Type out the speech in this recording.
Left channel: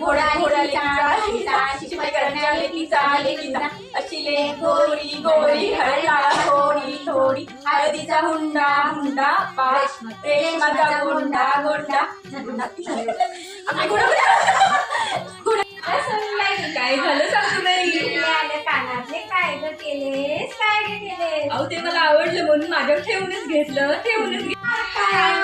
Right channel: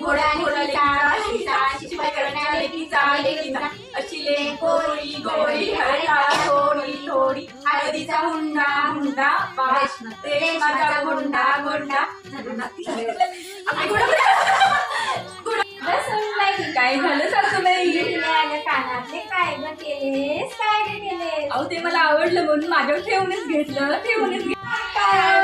सा? सा? लेकी लेकी गोरी गोरी हळला होंडा काय झालं सांगितलं ते मला आवडलं म्हणून माझं ठेवूनच घेतलं ठेवूनच